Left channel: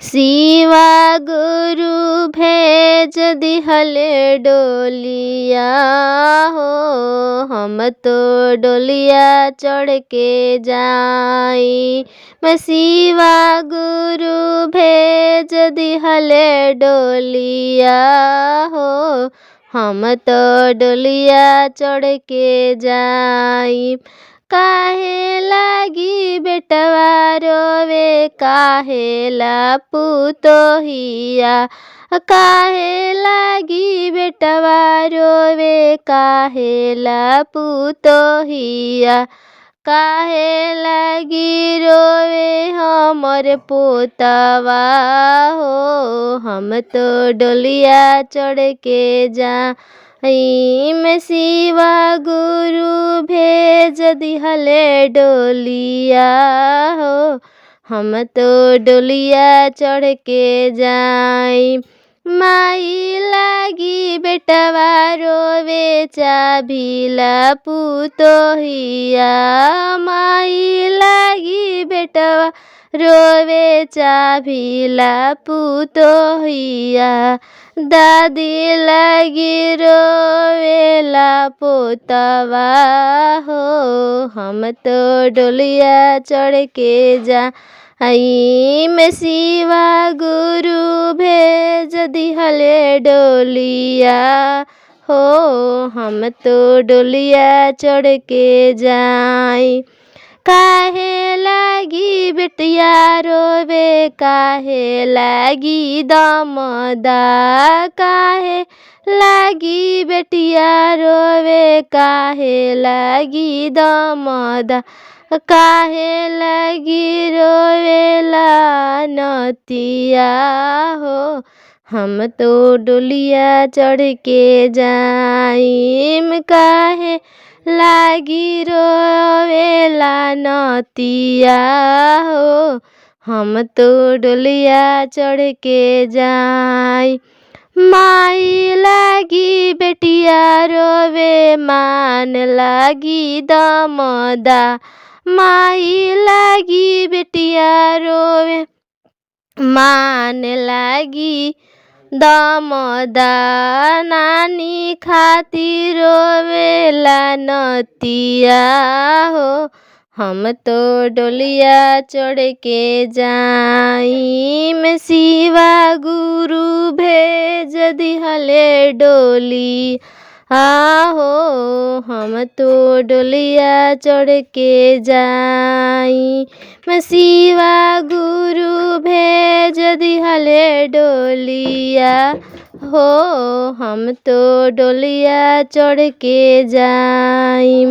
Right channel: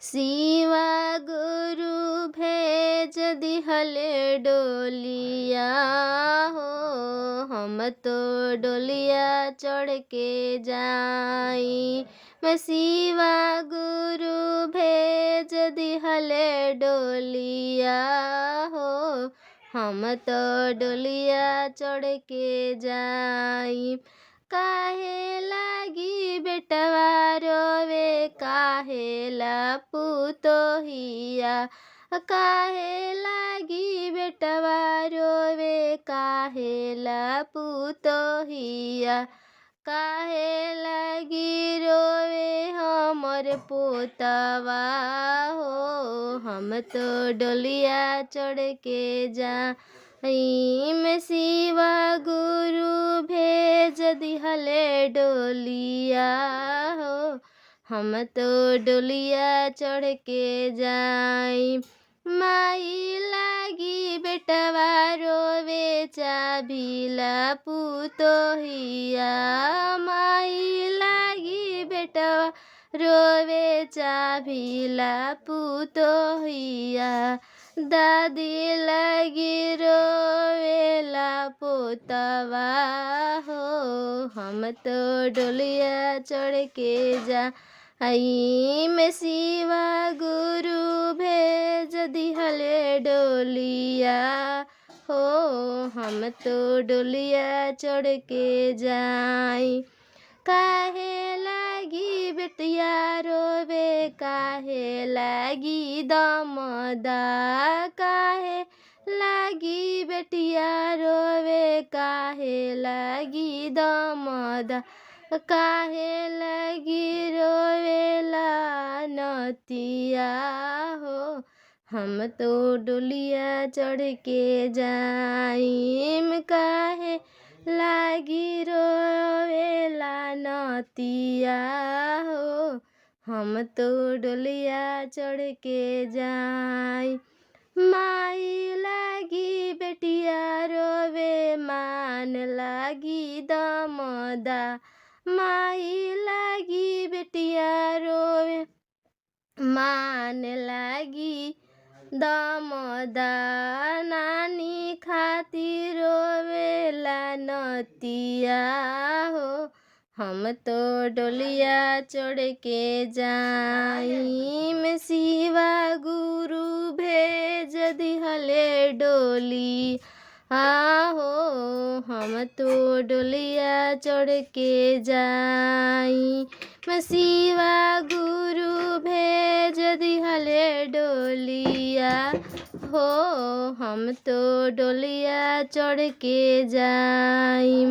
शिवा गुरु भेज दिहले डोलिया हो, हम तो डोलिया चढ़ के जाई। मैं शिवा गुरु भेज दिहले डोलिया हो, हम तो डोलिया चढ़ के जाई। काहे लागी बेटवा रोवे, काहेला पुतोहिया, काहे लागी बेटवा रोवे, काहेला पुतोहिया, काहे लागी रोवे हमर पोतवा हो, हम तो डोलिया चढ़ के मैं शिवा गुरु भेज दिहले डोलिया हो, हम तो डोलिया चढ़ के जाई। माई लागी बेटवा रोवे, चाभिला पुतोहिया, माई लागी बेटवा रोवे, चाभिला पुतोहिया, दादी लागी रोवेला पोतवा हो, हम तो डोलिया चढ़ के जाई। मैं शिवा गुरु भेज दिहले डोलिया हो, हम तो डोलिया चढ़ के जाई। काहे लागी बेटिया रोवे, काहे लागी दमदा, काहे लागी बेटिया रोवे, काहे लागी दमदा, काहे लागी रोवेला नतिया हो, हम तो डोलिया चढ़ के जाई। काहे लागी रोवेला नतिया हो, हम तो डोलिया चढ़ के जाई। माई लागी बेटिया रोवे, मान लागी दमदा, माई लागी बेटिया रोवे, मान लागी दमदा, नानी खातिर रोवेला नतिया हो, हम तो डोलिया चढ़ के जाई। मैं शिवा गुरु भेज दिहले डोली हो, हम तो डोलिया चढ़ के जाई। मैं शिवा गुरु भेज दिहले डोलिया हो, हम तो डोलिया चढ़ के जाई।